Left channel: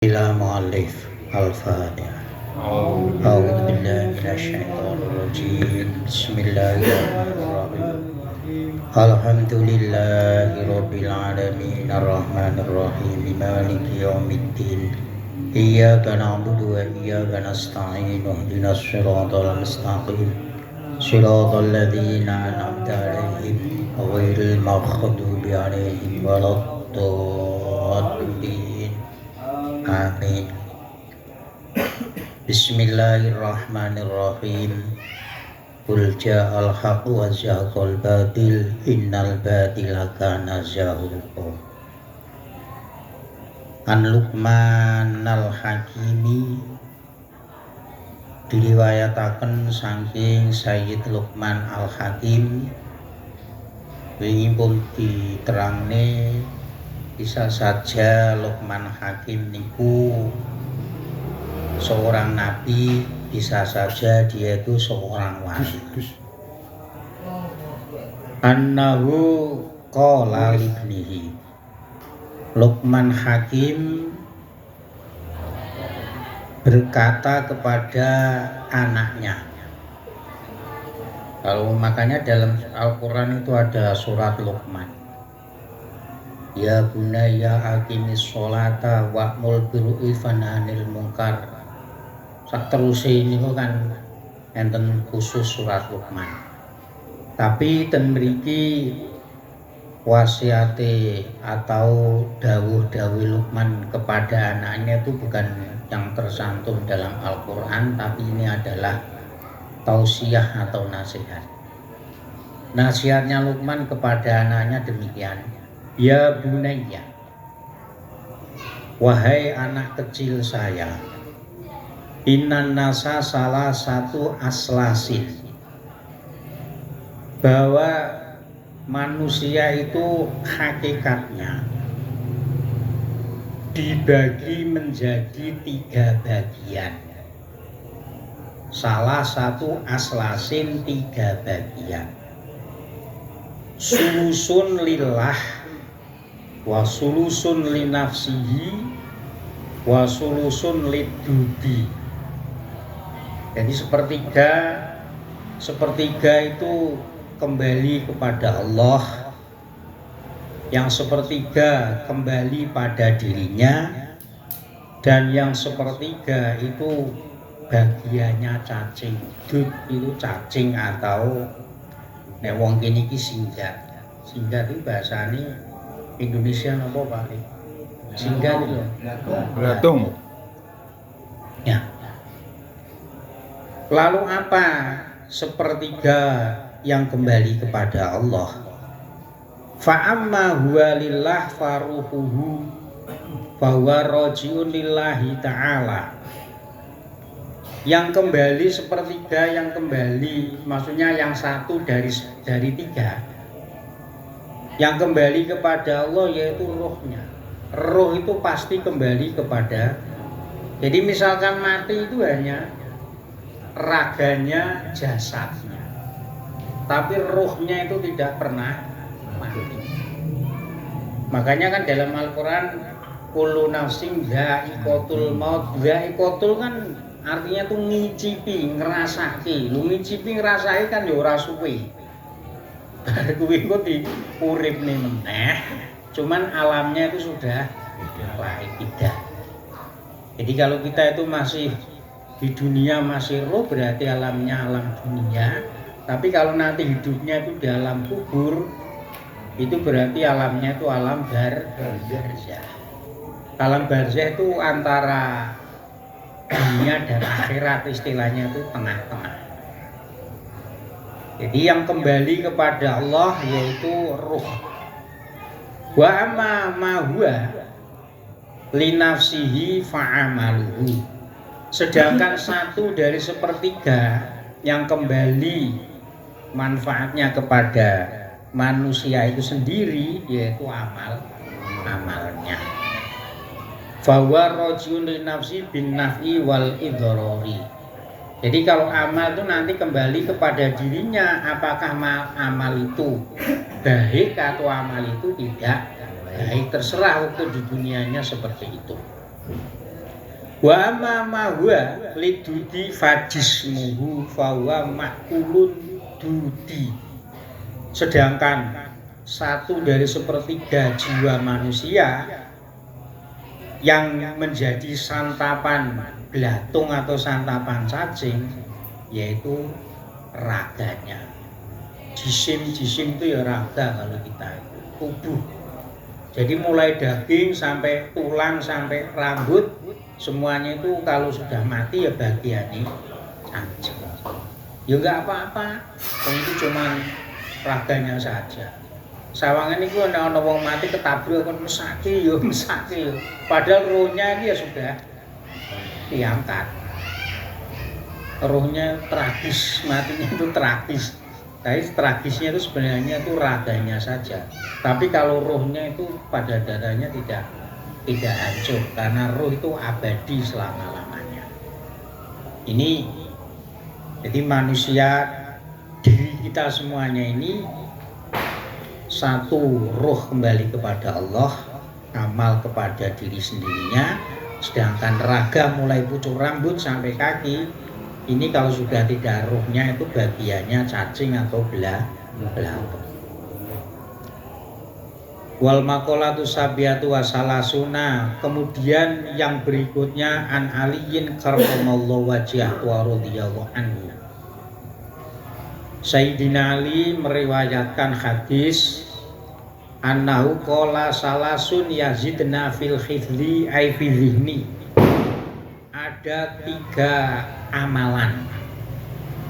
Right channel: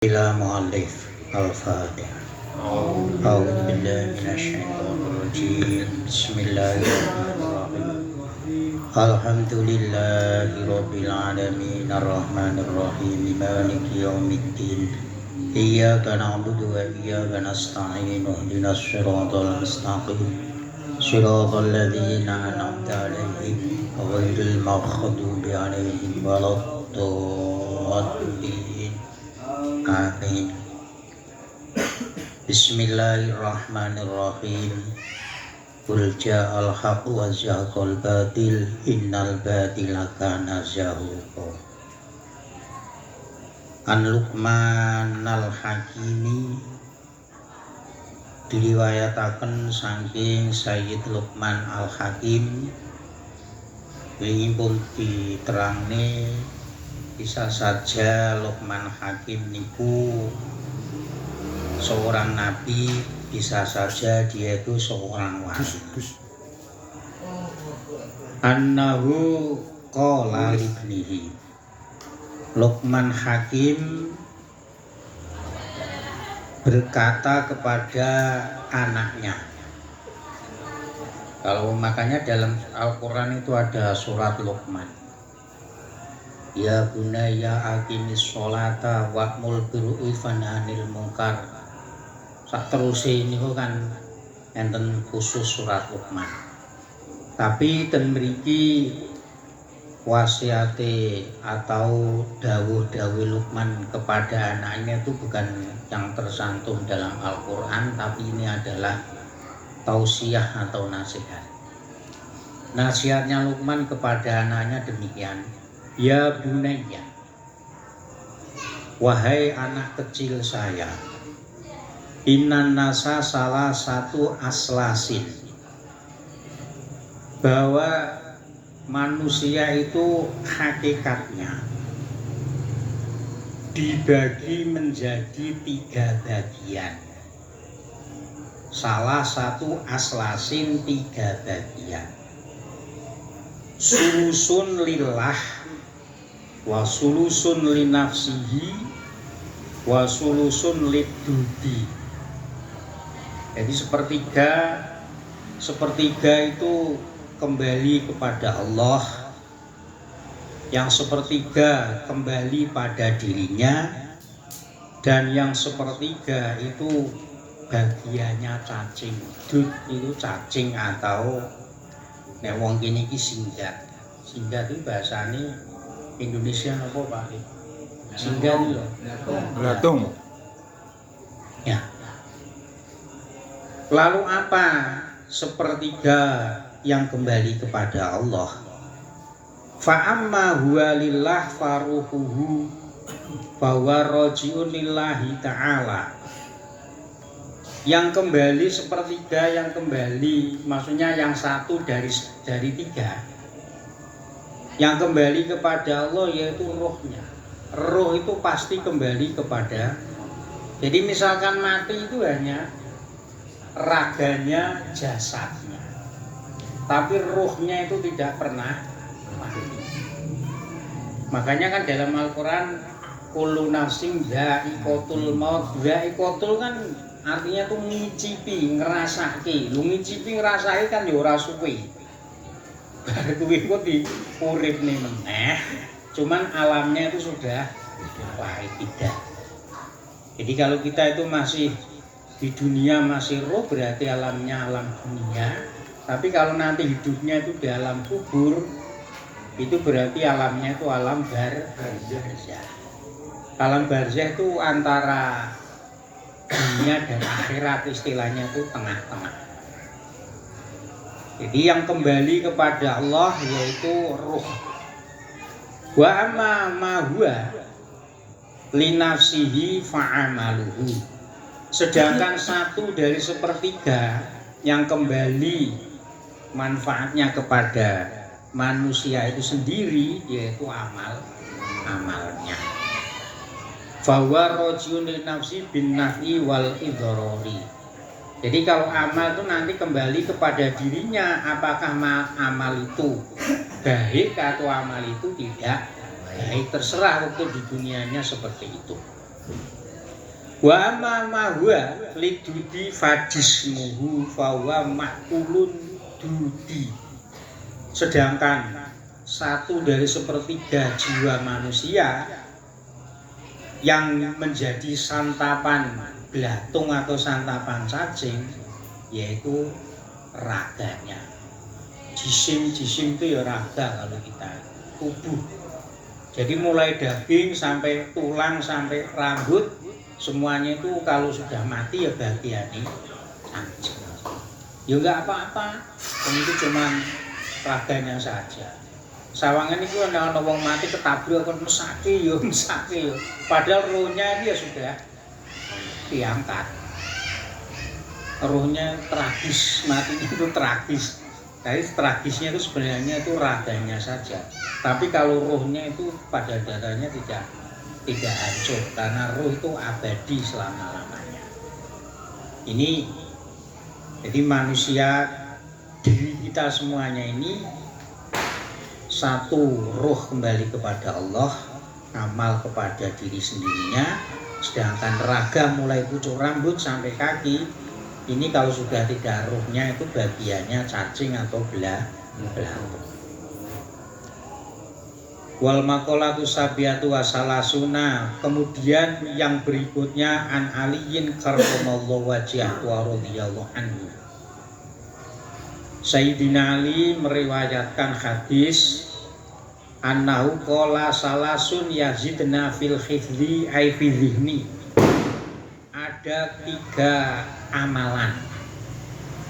إلى مؤلف الفاتحة. أعوذ بالله من الشيطان الرجيم. بسم الله الرحمن الرحيم. الحمد لله رب العالمين الرحمن الرحيم مالك يوم الدين إياك نعبد وإياك نستعين اهدنا الصراط المستقيم صراط الذين أنعمت عليهم غير المغضوب عليهم ولا الضالين. Amin. Bismillahirrahmanirrahim. Qul ja'al haqqu wa zahaqal batil innal batila kana zahuqa. An Luqman al-Hakimi diriwayataken saking Sayyid Luqman al-Hakim wingi pun diterangne bisa saja Luqman Hakim niku seorang nabi, bisa saja dia itu seorang wali. Annahu qala libnihi. Luqman Hakim berkata kepada anaknya. Kalau makanya dalam Al-Quran itu ada surat Luqman. Ya bunayya aqimis sholata wa'mul birru'i wanhanil munkar. Saterusé niku kan enten khusus surat Luqman. Tapi ten mriki wasiate atau dawuh-dawuh Luqman kepada anaknya itu bukan yang tersantum dalam Al-Qur'an, tapi ini adalah tausiah atau nasihat. Nasihatnya Luqman kepada anaknya demikian. Ya bunayya, wahai anak kecil saya, innan nasa salah satu aslasin, bahwa manusia itu hakikatnya dibagi menjadi 3 bagian. Salah satu aslasin 3 bagian. Sulusun lillah wa sulusun li nafsihi wa sulusun lidubi. Jadi sepertiga itu kembali kepada Allah, yang sepertiga kembali pada dirinya, dan yang sepertiga itu bagiannya cacing. Dud itu cacing atau nek wong kene iki singgah. Singgah itu bahasane Indonesia apa Pak? Singgah itu belatung. Ya. Lalu apa sepertiga yang kembali kepada Allah? Fa'amma huwa lillah faruhuhu bahwa rojiun lillahi ta'ala. Yang kembali sepertiga, yang kembali maksudnya yang satu dari 3. Yang kembali kepada Allah yaitu rohnya. Roh itu pasti kembali kepada. Jadi misalkan mati itu hanya raganya, jasadnya, tapi rohnya itu tidak pernah mati. Makanya kan dalam Al-Quran kullu nafsin dha'iqatul maut. Dha'iqatul kan artinya tuh ngicipi, ngerasaki. Lu ngicipi ngerasaki kan ya ora suwe. Kuwi kok diuripne meneh, cuman alamnya itu sudah lain tidak. Jadi kalau kita itu masih di dunia masih roh, berarti alamnya alam dunia. Tapi kalau nanti hidupnya itu di alam kubur, itu berarti alamnya itu alam barzah. Alam barzah itu antara dunia dan akhirat, istilahnya itu tengah-tengah. Jadi yang kembali kepada Allah yaitu ruh. Wa amma ma huwa li nafsihi fa'amaluhu. Sedangkan satu dari sepertiga yang kembali manfaatnya kepada manusia itu sendiri yaitu amalnya. Fa huwa rajulun li nafsi bin naf'i wal idhrari. Jadi kalau amal itu nanti kembali kepada dirinya, apakah amal itu baik atau amal itu tidak baik, terserah untuk di dunianya seperti itu. Wa ma huwa lidudi fajismuhu fawa makulun dudi. Sedangkan 1/3 jiwa manusia yang menjadi santapan belatung atau santapan cacing yaitu raganya. Jisim itu ya raga kalau kita tubuh. Jadi mulai daging sampai tulang sampai rambut semuanya itu kalau sudah mati ya bagiannya cacing. Ya enggak apa-apa, itu cuman raganya saja. Sawangan itu ana wong mati ketabrak kon mesake ya mesake ya. Padahal rohnya ini ya sudah diangkat. Rohnya tragis, matinya itu tragis. Tapi tragisnya itu sebenarnya itu raganya saja. Tapi kalau rohnya itu pada dasarnya tidak hancur karena roh itu abadi selama-lamanya. Ini jadi manusia diri kita semuanya ini satu roh kembali kepada Allah, amal kepada diri sendirinya, sedangkan raga mulai pucuk rambut sampai kaki ini kalau sudah tidak rohnya itu bagiannya cacing atau belatung. Wal maqalatu sabiatu wasalasuna. Kemudian yang berikutnya an aliyin karramallahu wajhahu wa radhiyallahu anhu. Sayyidina Ali meriwayatkan hadis annahu qala salasun yazidna fil khifli ay fi dhihni. Ada 3 amalan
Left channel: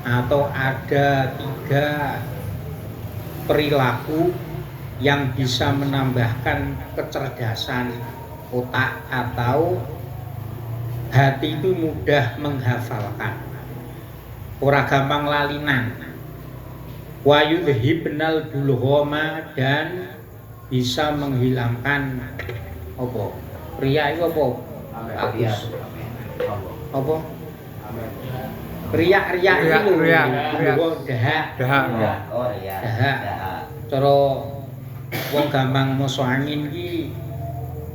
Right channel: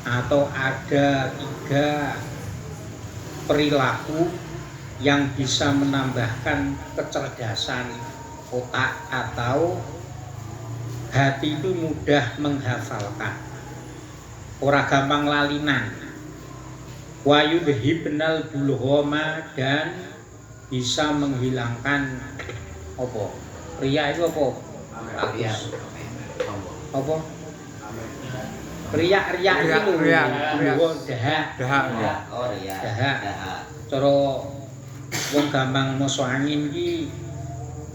atau ada 3 perilaku yang bisa menambahkan kecerdasan otak atau hati itu mudah menghafalkan, ora gampang lalinan. Wa yudhibnal bulghama dan bisa menghilangkan apa? Riya itu apa? Apa? Riya itu dahak. Oh riya. Dahak. Cara wong gampang masuk angin iki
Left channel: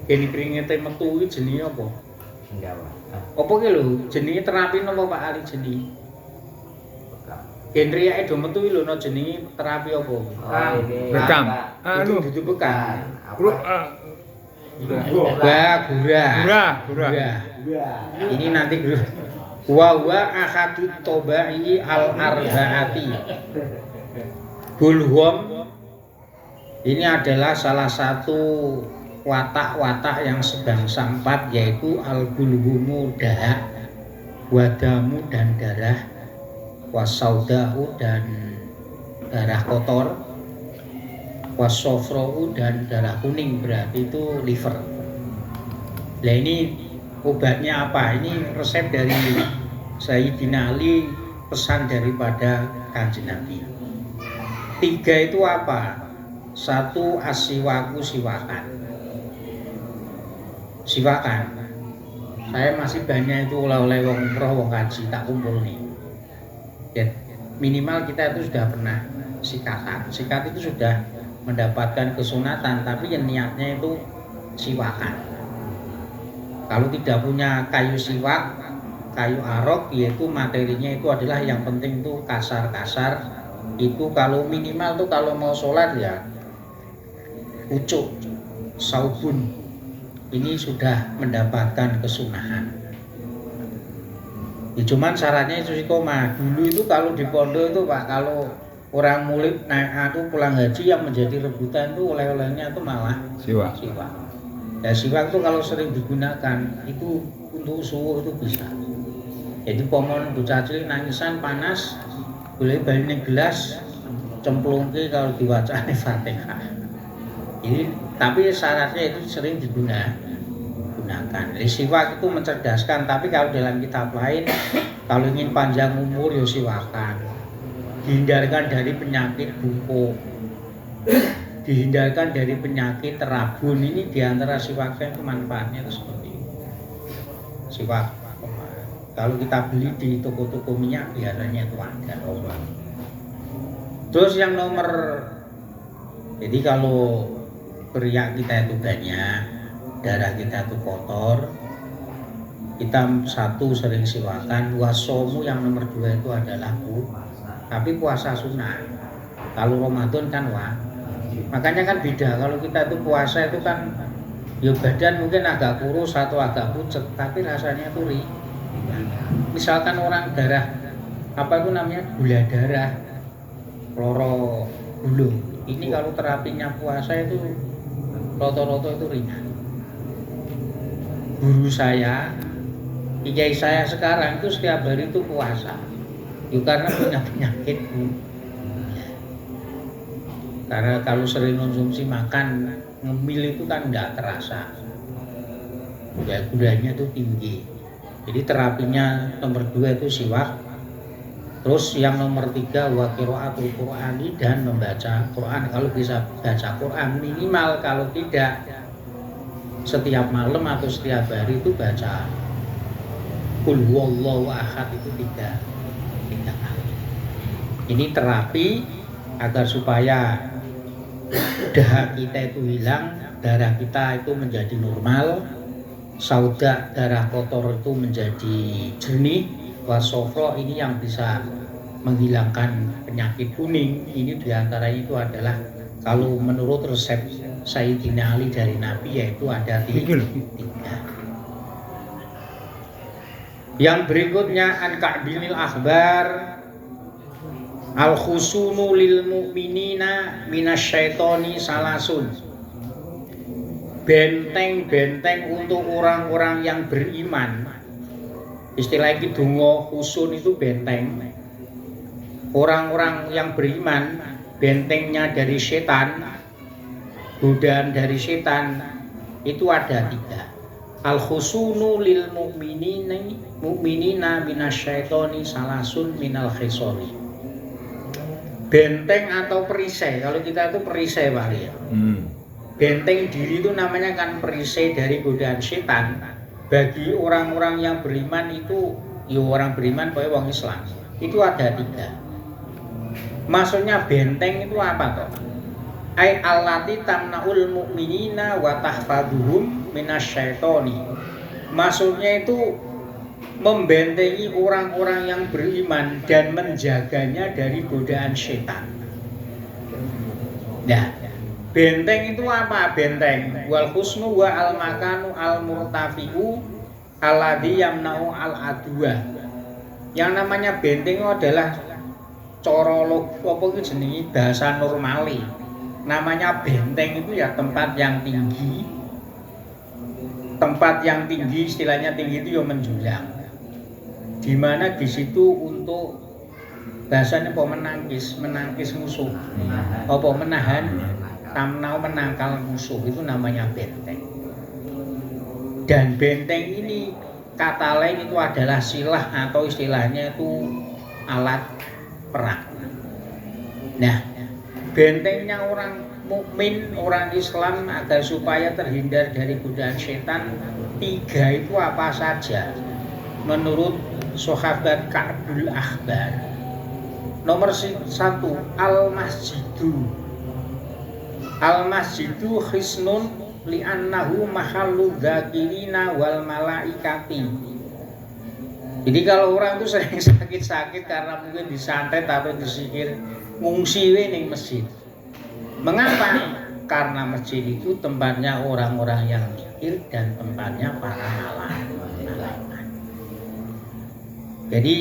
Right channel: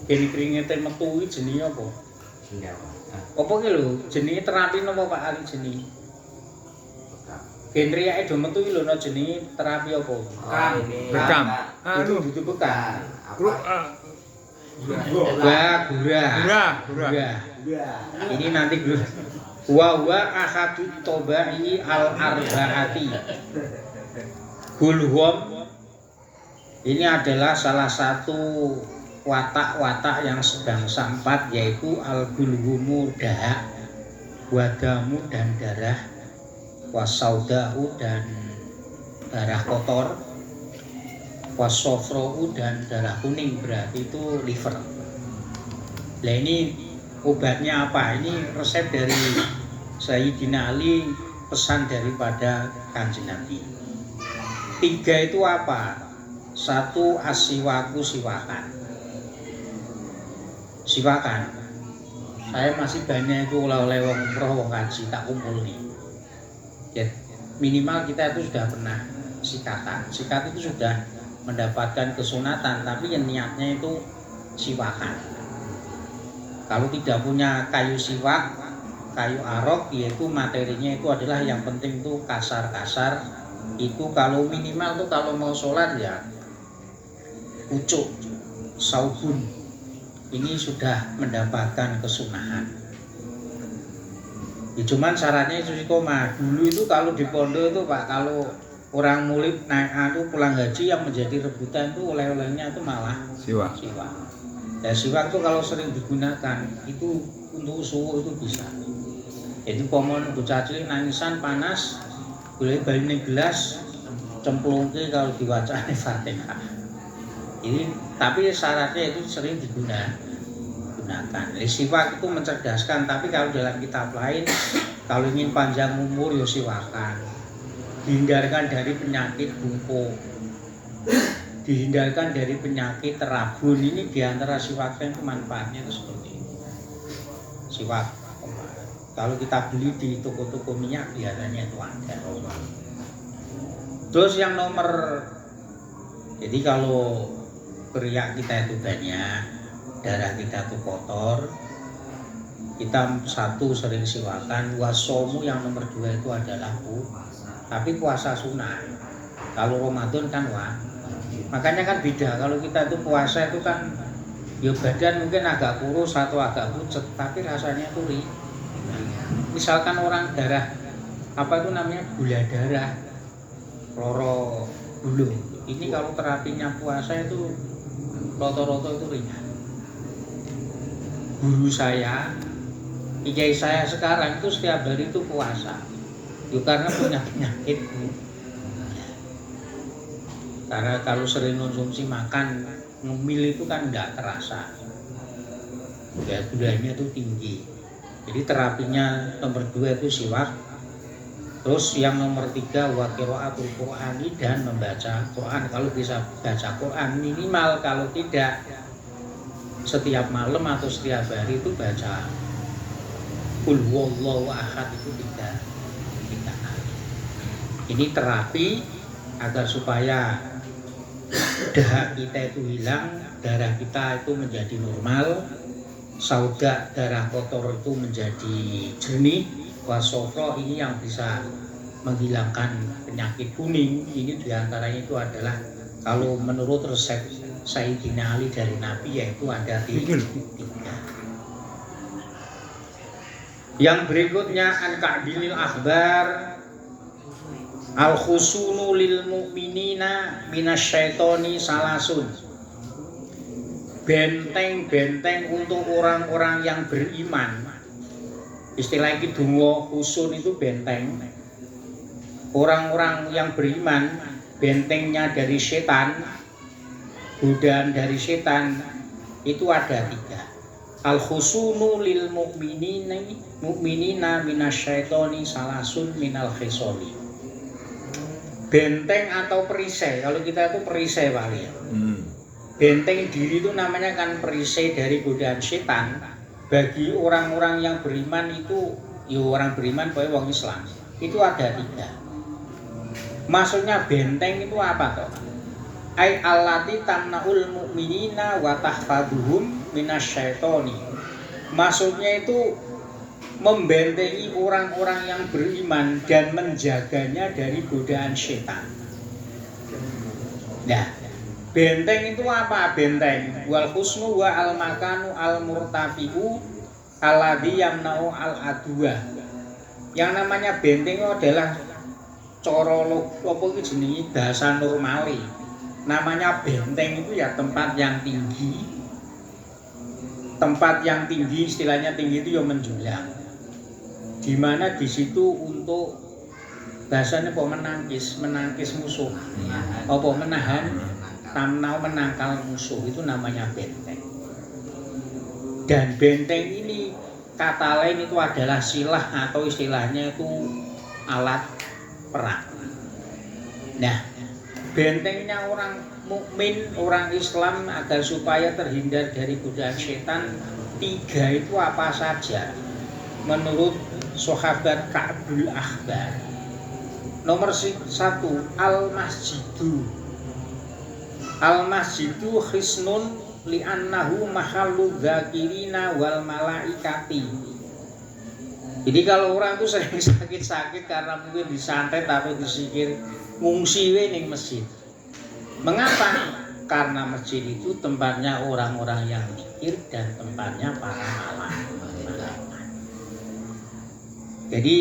dene kringete metu iki jenenge apa? Sendawa. Apa ki lho jenenge terapi napa Pak Ali jenenge? Genre ae do metu iki lho no jenenge terapi apa? Bekam. Anu dudu bekam. Gura. Ini nanti wa ahadut tobai al arbaati. Gulhum ini adalah salah satu watak-watak yang sedang sampat, yaitu al-bulhumu dahak, wadamu dan darah, wasaudau dan darah kotor, wasofrou dan darah kuning, berarti itu liver. Nah ini obatnya apa? Ini resep dari Sayyidina Ali, pesan daripada Kanjeng Nabi. 3 itu apa? 1 asiwaku siwakan. Saya masih banyak itu oleh-oleh wong umroh wong kaji tak kumpul nih. Ya, minimal kita itu sudah pernah sikatan. Sikat itu sudah mendapatkan kesunatan, tapi yang niatnya itu siwakan. Kalau tidak punya kayu siwak, kayu arok, yaitu materinya itu adalah yang penting itu kasar-kasar. Itu kalau minimal tuh kalau mau sholat ya pucuk, saubun, ini sudah mendapatkan kesunahan. Ya, cuman syaratnya itu istiqomah. Dulu itu kalau di pondok itu Pak, kalau orang murid naik aku pulang haji yang menjadi rebutan itu oleh-olehnya itu malah siwak. Ya siwak itu kalau sering digunakan itu untuk suhu itu bisa. Jadi pomon bocah cilik nangisan panas, boleh balik gelas, cemplungke kalau diwacane Fatihah. Ini tapi syaratnya itu sering digunakan. Siwak itu mencerdaskan, tapi kalau dalam kitab lain kalau ingin panjang umur ya siwakan. Dihindarkan dari penyakit bungkuk, dihindarkan dari penyakit terabun. Ini diantara siwaknya itu manfaatnya itu seperti itu. Siwak kalau kita beli di toko-toko minyak biasanya itu ada. Terus yang nomor, jadi kalau riak kita itu banyak, darah kita itu kotor, kita satu sering siwakan, wasomu yang nomor 2 itu adalah tapi puasa sunnah. Kalau Ramadan kan makanya kan beda. Kalau kita itu puasa itu kan ya badan mungkin agak kurus atau agak pucet, tapi rasanya tuh misalkan orang darah apa itu namanya gula darah, loro dulu. Ini kalau terapinya puasa itu roto-roto itu ringan. Guru saya, kiai saya sekarang itu setiap hari itu puasa. Ya karena punya penyakit. Karena kalau sering konsumsi makan, ngemil itu kan enggak terasa. Gulanya itu tinggi. Jadi terapinya nomor 2 itu siwak. Terus yang nomor 3 wa qiraatul Qur'ani dan membaca Quran. Kalau bisa baca Quran minimal, kalau tidak setiap malam atau setiap hari itu baca Qul huwallahu ahad itu 3 kali. Ini terapi agar supaya dahak kita itu hilang, darah kita itu menjadi normal, sauda darah kotor itu menjadi jernih, wasofro ini yang bisa menghilangkan penyakit kuning. Ini diantaranya itu adalah kalau menurut resep Sayyidina Ali dari Nabi yaitu ada 3. Yang berikutnya an ka'dilil akhbar al khusunu lil mu'minina minasyaitoni salasun. Benteng-benteng untuk orang-orang yang beriman. Istilah iki donga khusun itu benteng. Orang-orang yang beriman, bentengnya dari setan, godaan dari setan itu ada 3. Al khusunu lil mu'minina minasyaitoni salasun minal khisoni. Benteng atau perisai, kalau kita itu perisai Pak ya. Benteng diri itu namanya kan perisai dari godaan setan. Bagi orang-orang yang beriman itu, ya orang beriman pokoknya orang Islam, itu ada 3. Maksudnya benteng itu apa toh? Ai allati tamnaul mu'minina wa tahfaduhum minasyaitoni. Maksudnya itu membentengi orang-orang yang beriman dan menjaganya dari godaan setan. Nah, benteng itu apa? Benteng wal husnu wa al makanu al murtafiu alladhi yamna'u al adwa. Yang namanya benteng itu adalah cara apa itu jenenge bahasa normali. Namanya benteng itu ya tempat yang tinggi. Tempat yang tinggi, istilahnya tinggi itu ya menjulang. Di mana di situ untuk bahasanya apa menangkis musuh. Apa menahan tamnau menangkal musuh itu namanya benteng. Dan benteng ini kata lain itu adalah silah atau istilahnya itu alat perang. Nah, bentengnya orang mukmin, orang Islam agar supaya terhindar dari godaan setan 3 itu apa saja? Menurut sahabat Ka'bul Akhbar. Nomor 1 al-masjidu. Al-masjidu khisnun li'annahu mahallu dzakirina wal malaikati. Jadi kalau orang tuh sering sakit-sakit karena mungkin disantet atau disihir, ngungsi ning masjid. Mengapa? Karena masjid itu tempatnya orang-orang yang zikir dan tempatnya para malaikat. Jadi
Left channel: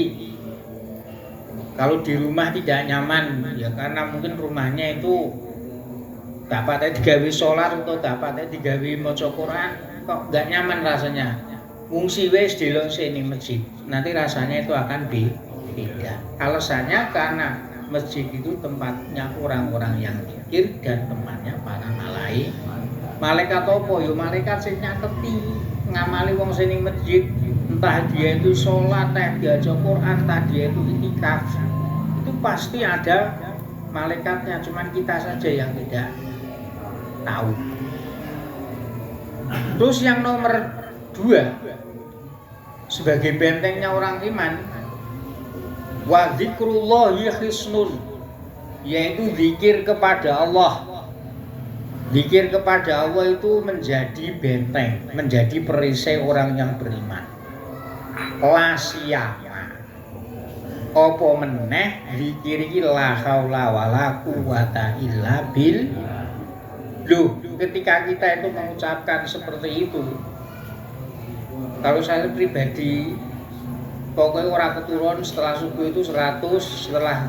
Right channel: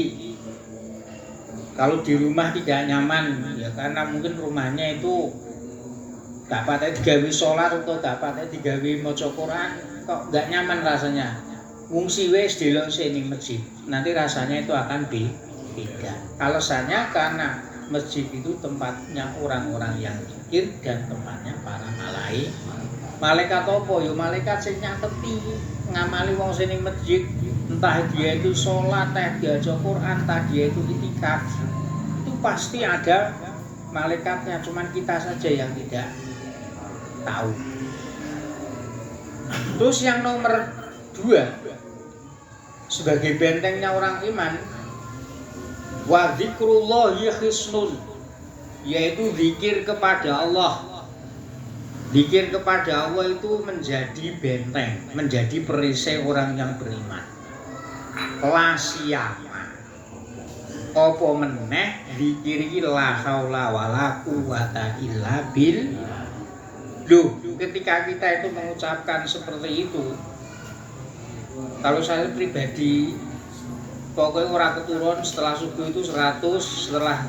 kalau di rumah tidak nyaman ya karena mungkin rumahnya itu gak patah digawe sholat atau gak patah digawe maca Quran, kok gak nyaman rasanya. Ngungsi wis delok sini masjid, nanti rasanya itu akan beda. Alasannya karena masjid itu tempatnya orang-orang yang zikir dan tempatnya para malaikat. Malaikat apa? Ya malaikat sing nyateti ngamali wong sini masjid, entah dia itu sholat, entah dia baca Quran, entah dia itu itikaf. Itu pasti ada malaikatnya, cuman kita saja yang tidak tahu. Terus yang nomor 2 sebagai bentengnya orang iman, wa dzikrullahi khisnun, yaitu zikir kepada Allah. Zikir kepada Allah itu menjadi benteng, menjadi perisai orang yang beriman. la siyama. Apa meneh zikir iki la haula wala quwata illa billah. Loh, ketika kita itu mengucapkan seperti itu, kalau saya pribadi pokoknya orang keturun setelah subuh itu 100, setelah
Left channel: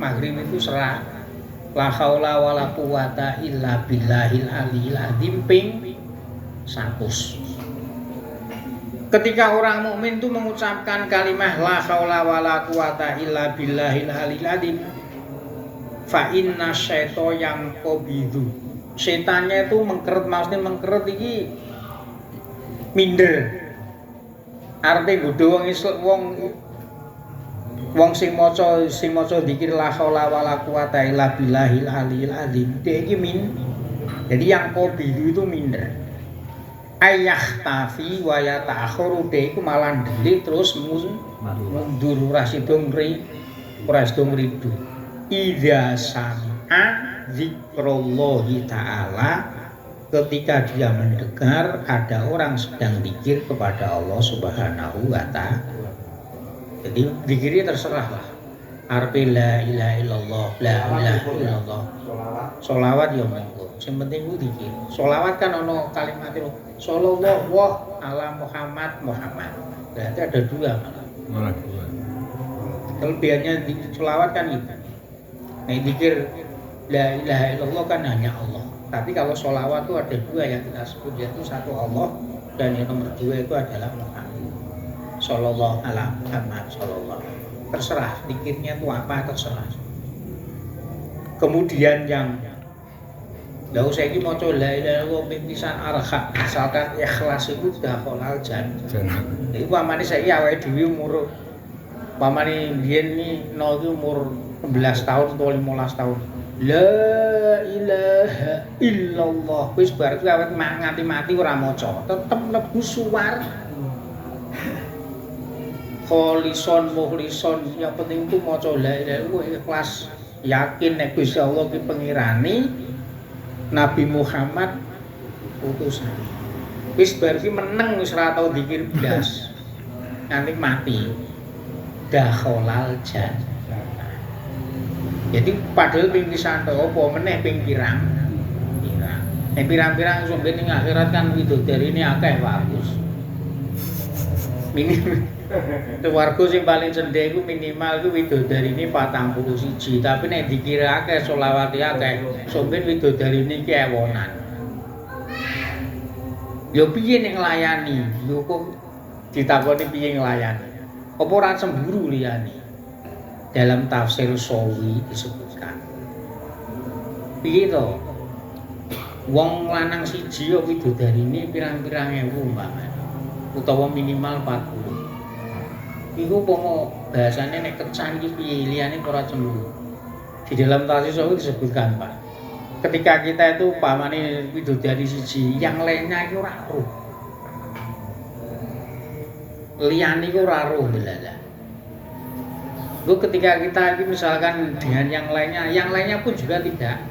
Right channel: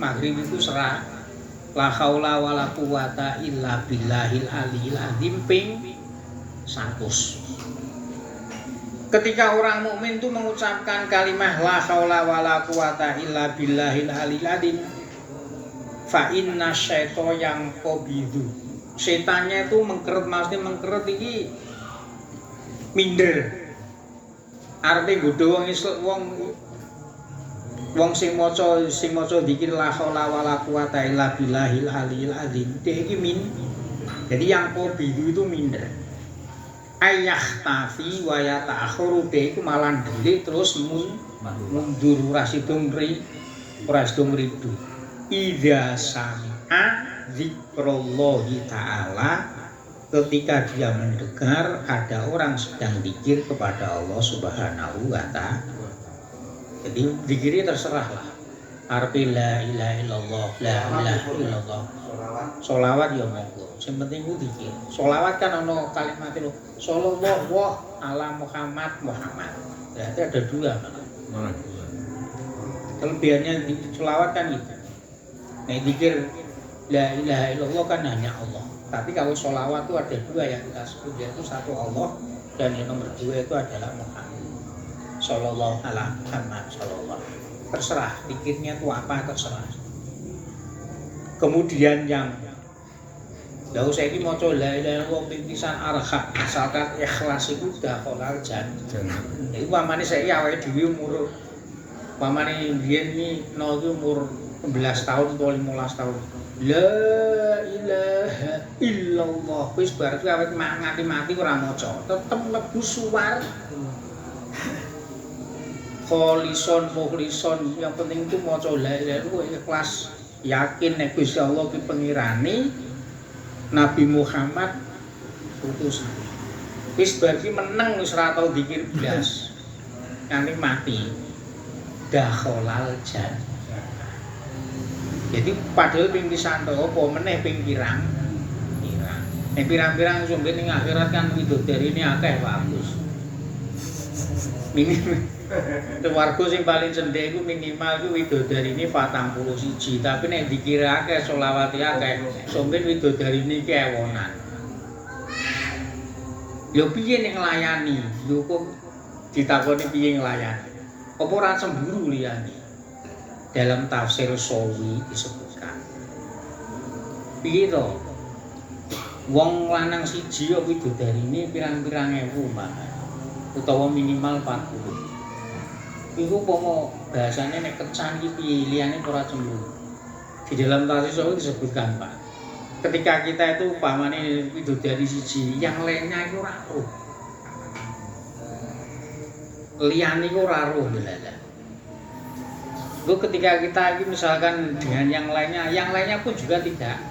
maghrib itu 100, la haula wala quwata illa billahil aliyil azim ping 100. Ketika orang mukmin itu mengucapkan kalimat la haula wala quwata illa billahil aliyil azim, fa inna syaitana yang qabidu, setannya itu mengkeret, maksudnya mengkeret iki minder. Artinya godho wong sing maca zikir la haula wala quwata illa billahil aliyil azim. Iki jadi yang qabidu itu minder. Ayahtafi wa yata'akhuru iku malah ndelik terus mundur ora sida ngridu. Idza sami'a zikrullahi ta'ala, ketika dia mendengar ada orang sedang zikir kepada Allah Subhanahu wa ta'ala. Jadi zikirnya terserah lah. Arti la ilaha illallah, la ilaha illallah. Sholawat ya monggo. Sing penting ku zikir. Sholawat kan ono kalimat itu sallallahu ala Muhammad. Berarti ada dua. Malah dua. Kelebihannya di sholawat kan itu. Nah zikir la ilaha illallah kan hanya Allah. Tapi kalau sholawat itu ada dua yang kita sebut, yaitu satu Allah dan yang nomor dua itu adalah Muhammad. Sallallahu ala Muhammad sallallahu. Terserah zikirnya itu apa, terserah. Kemudian yang lha saya iki maca la ilaha illallah pimpisan arhab asalkan ikhlas iku dakhalal jannah. Iku pamane saiki awake dhewe umur pamane biyen ni nol itu umur 11 tahun atau 15 tahun. La ilaha illallah wis bar kuwi awet nganti mati ora maca, tetep mlebu suwar. Kholison muhlison, yang penting itu maca la ilaha illallah ikhlas, yakin nek Gusti Allah ki pengirani, Nabi Muhammad utusan. Wis bar ki meneng wis ora tau zikir blas. Nganti mati. Dakhalal jannah. Jadi padahal ping pisan apa meneh ping pirang. Nek pirang-pirang sumber ning akhirat kan widodari ini akeh Pak Agus. Minimal warga sing paling cendhek iku minimal iku widodarine 41, tapi nek dikira akeh selawat akeh, sumber widodarine iki ewonan. Ya piye ning nglayani? Lho kok ditakoni piye nglayani? Apa ora cemburu liyane? Dalam tafsir Sawi disebutkan. Piye to? Wong lanang siji kok widodarine pirang-pirang ewu umpamane, utawa minimal 40. Iku pomo bahasane nek kecan iki piye liyane ora cemburu. Di dalam tafsir Sawi disebutkan, Pak. Ketika kita itu umpamane widodari siji, yang lainnya iki ora roh. Liyane iki ora roh lha. Lu ketika kita ini misalkan dengan yang lainnya pun juga tidak.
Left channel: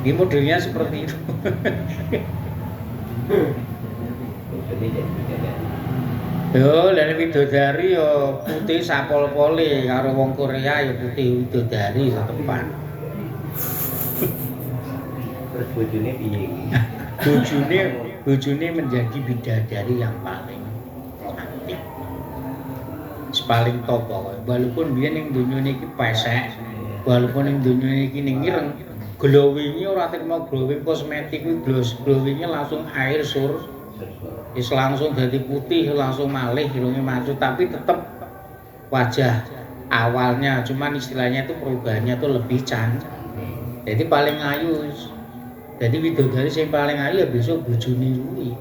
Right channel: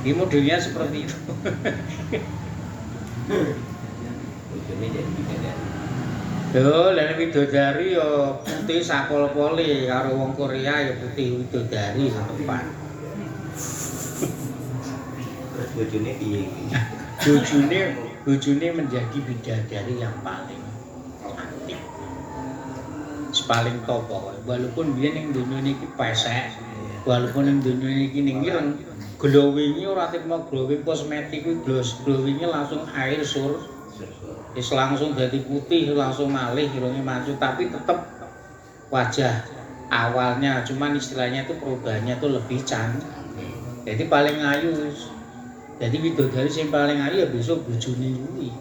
Di modelnya seperti itu. Yo, dan widodari yo putih sakol-pole karo wong Korea yo putih widodari tepat. Terus bojone piye iki? Bojone menjadi bidadari yang paling cantik. Paling top pokoknya. Walaupun biyen ning donya niki pesek, walaupun ning donya niki ning ireng, glowing-e ora tekno glowing kosmetik kuwi glowing-e langsung air sur. Wis langsung dadi putih, langsung malih irunge maju, tapi tetep wajah awalnya, cuman istilahnya itu perubahannya tuh lebih cantik. Jadi paling ayu. Jadi widodari sing paling ayu ya besok bojone kuwi.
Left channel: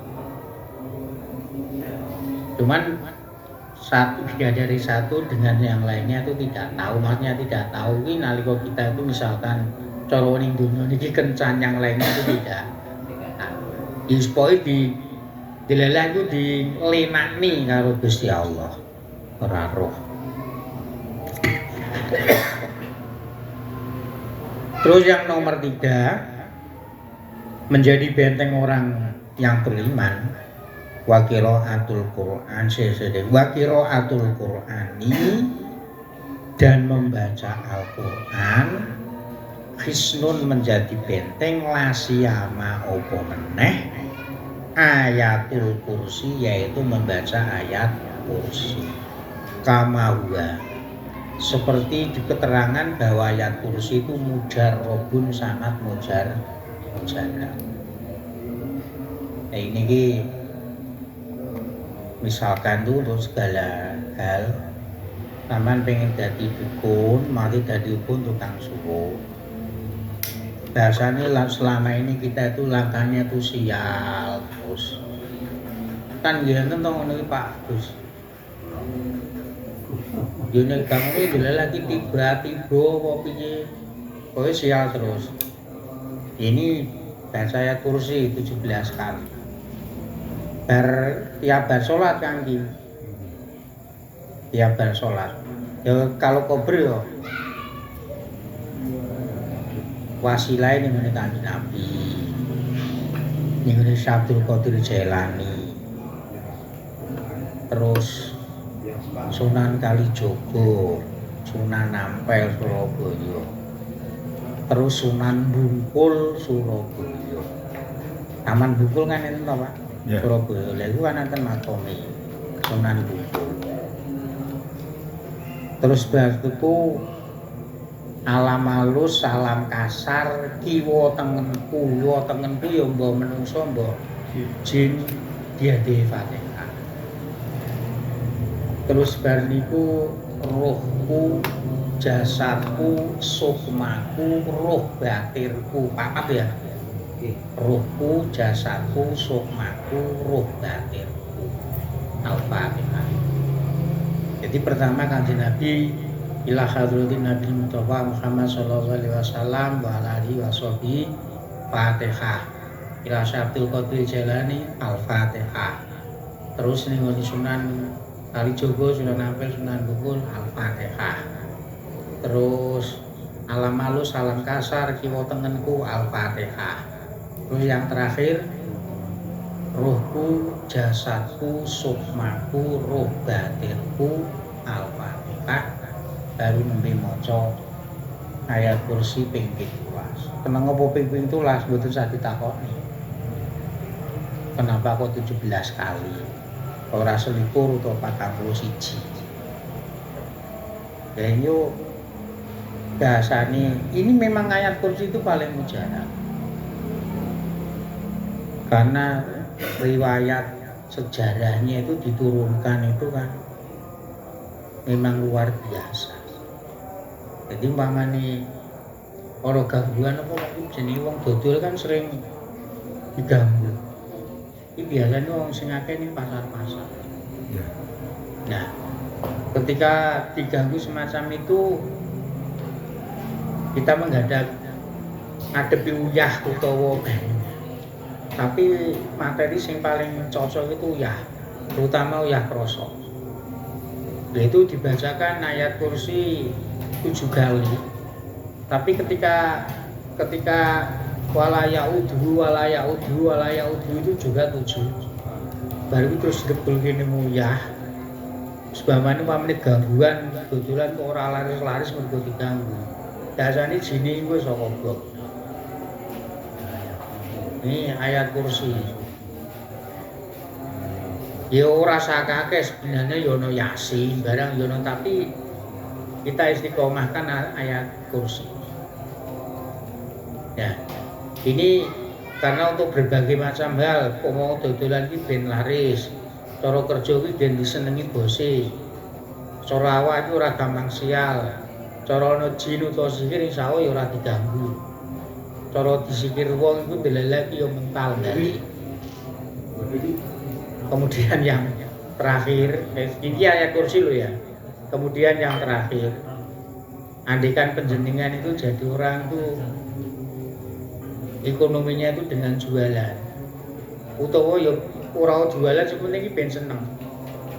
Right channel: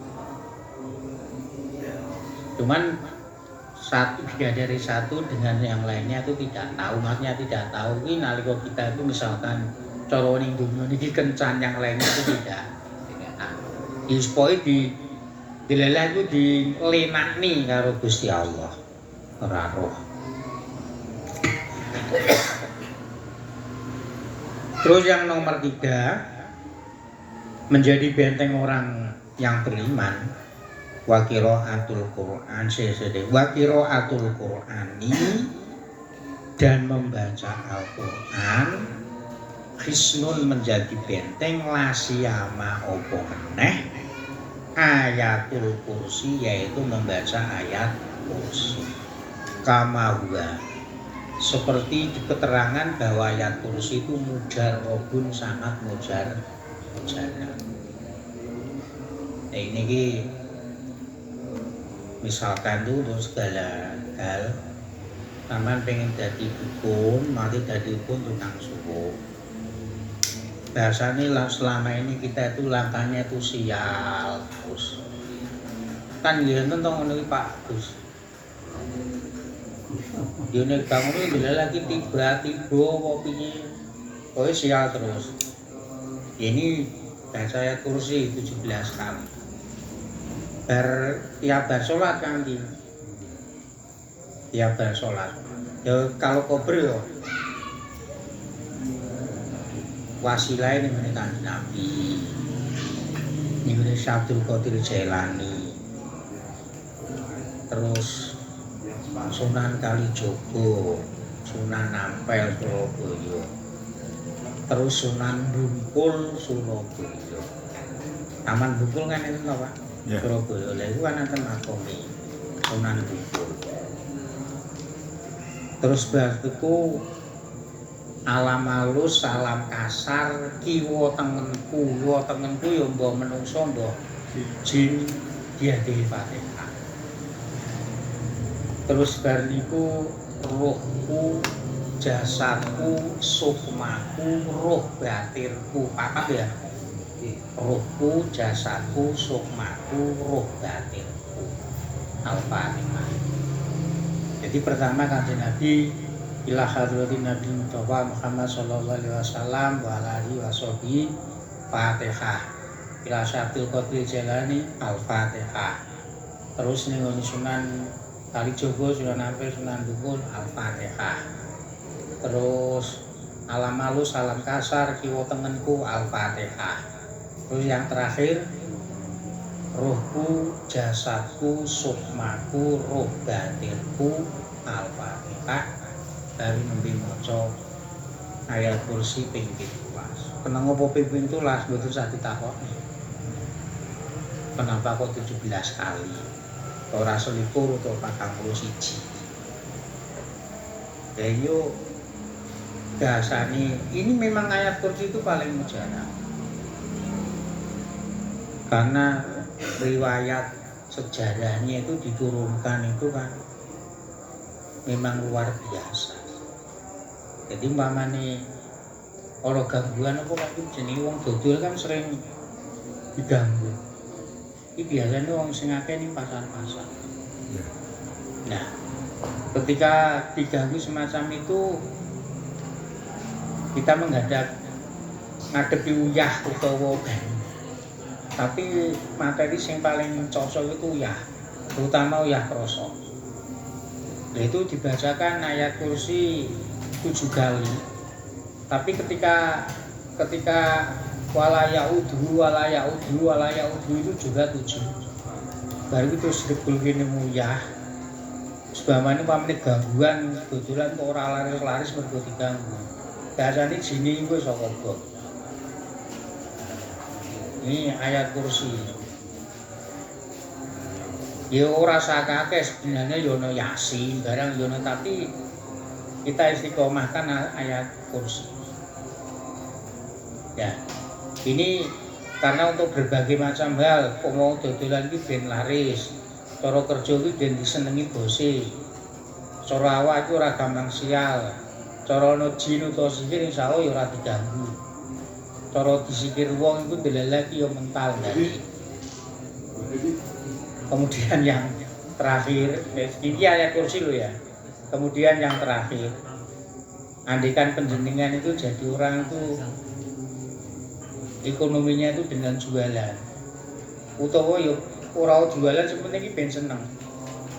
Cuman satu dari satu dengan yang lainnya itu tidak tahu, maksudnya tidak tahu ini nalika kita itu misalkan cara ning dunia niki kencan yang lainnya itu tidak tahu. Dispoi dilelah itu dilenakni karo Gusti Allah ora roh. Terus yang nomor 3, menjadi benteng orang yang beriman wa qiraatul Qur'an wa qiraatul Qur'ani dan membaca Al-Qur'an hisnun menjadi benteng lasiyama opo meneh ayatul kursi yaitu membaca ayat kursi kama huwa seperti di keterangan bahwa ayat kursi itu mujarrobun sangat mujarab. Nah ini misalkan tuh untuk segala hal taman pengen jadi dukun mati jadi dukun tukang suruh bahasanya selama ini kita itu langkahnya tuh sial terus kan gila tentang ini Pak terus Jone kamu itu lagi tiba-tiba kopinya pokoknya sial terus ini bahasa ayat kursi 17 kali tiap bar sholat kan gitu tiap bar sholat ya kalau kober ya wasilah ini mengenai Nabi ini mengenai Syabdul Qadir Jailani terus Sunan Kalijogo Sunan Ampel Surabaya terus Sunan Bungkul Surabaya Taman Bungkul kan itu Pak yeah. Surabaya lalu kan nanti makome Sunan Bungkul terus berarti alam halus salam kasar kiwa tengenku ya mbah menungso mbah jin dia Fatihah terus bar niku rohku jasadku sukmaku roh batirku paham ya rohku jasadku sukmaku roh batirku Al-Fatihah. Jadi pertama Kanjeng Nabi ila hadratin Nabi Mustafa Muhammad sallallahu alaihi wasallam wa alihi washabihi Fatihah ila Syabdul Qadir Jailani Al-Fatihah. Terus ning Sunan Kalijogo Sunan Ampel Sunan Bungkul Al-Fatihah. Terus alam halus salam kasar kiwa tengenku Al-Fatihah. Terus yang terakhir rohku jasadku sukmaku roh batirku Al-Fatihah. Dari nembe maca ayat kursi ping 17. Kenapa apa ping 17 mboten usah ditakoni. Kenapa kok 17 kali? Ora 21 atau 41. Dan yo dasane ini memang ayat kursi itu paling mujarab. Karena riwayat sejarahnya itu diturunkan itu kan memang luar biasa. Jadi umpamane ora gangguan apa kok jenenge wong dodol kan sering diganggu. Iki biasanya wong sing akeh ning pasar-pasar. Ya. Nah, ketika diganggu semacam itu kita menghadap ngadepi uyah utawa tapi materi sing paling cocok itu uyah, terutama uyah krasa. Nah, itu dibacakan ayat kursi 7 kali. Tapi ketika walaya udhu itu juga 7. Baru itu terus debul kene mulyah. Sebabane pamane gangguan dodolan kok ora laris-laris mergo diganggu. Biasane jine iku saka bot. Ini ayat kursi. Ya ora sakake sebenarnya ya ono Yasin barang ya ono tapi kita istiqomahkan ayat kursi. Ya. Ini karena untuk berbagai macam hal, mau dodolan iki ben laris. Cara kerja iki ben disenengi bose. Cara awak iki ora gampang sial. Cara ana jin utawa sihir insyaallah ya ora diganggu. Cara disikir wong iku delelek ya mental dari. Kemudian yang terakhir, ini ayat kursi lo ya. Kemudian yang terakhir, andikan penjenengan itu jadi orang itu ekonominya itu dengan jualan. Utawa ya ora jualan sebenarnya ben seneng.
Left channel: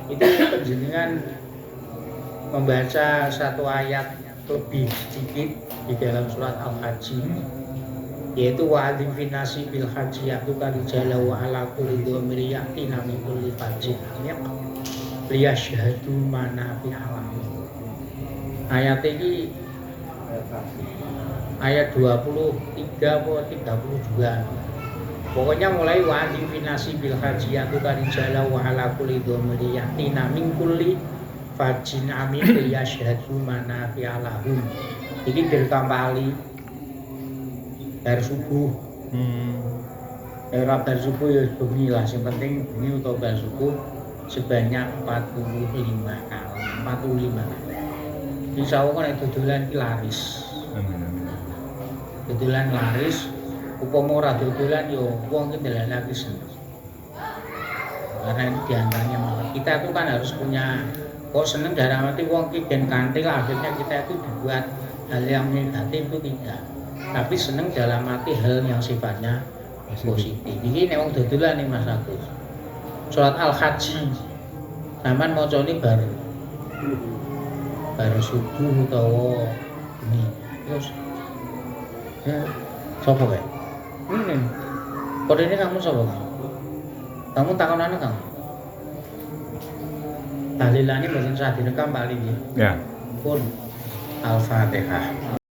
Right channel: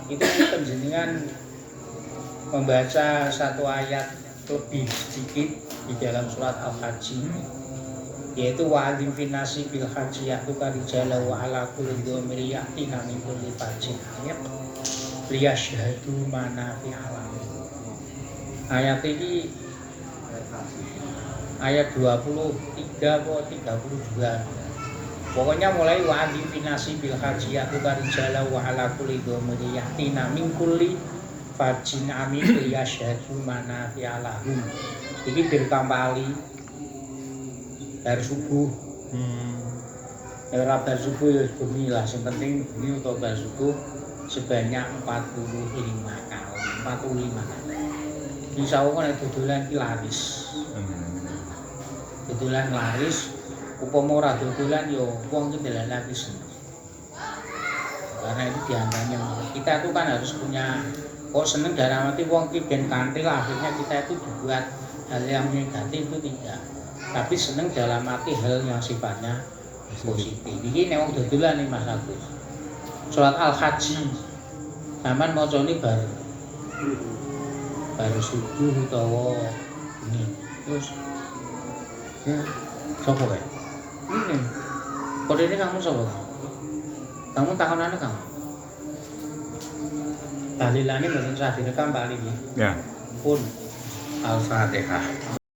Itu penjenengan membaca satu ayat lebih sedikit di dalam surat Al-Hajj yaitu wa'adzim finasi bil haji ya'tuka rijala wa ala kulli dhamiri ya'tina min kulli fajin amyaq liyashhadu manafi'a lahum. Ayat ini ayat 23 atau 32. Pokoknya mulai wa'adzim finasi bil haji ya'tuka rijala wa ala kulli dhamiri ya'tina min kulli fajin amyaq liyashhadu manafi'a lahum. Iki direkam Bali bar subuh. Ora bar subuh ya bengi lah, sing penting bengi utawa bar subuh sebanyak 45 kali. 45 kali. Insyaallah nek dodolan iki laris. Amin. Dodolan laris, upama ora dodolan ya wong ki dalan lagi seneng. Karena itu diantaranya kita itu kan harus punya kok seneng dalam arti wong ki ben kantil akhirnya kita itu dibuat hal yang negatif itu tidak, tapi seneng dalam arti hal yang sifatnya positif. Ini nek wong dodolan nih Mas Agus. Salat Al-Haji sampean macane baru subuh utawa ini. Terus sapa kae? Ini. Kode ini kamu sapa? Kamu takonane kamu. Dalilane mboten sah direkam Bali nggih. Ya. Pun Al-Fatihah.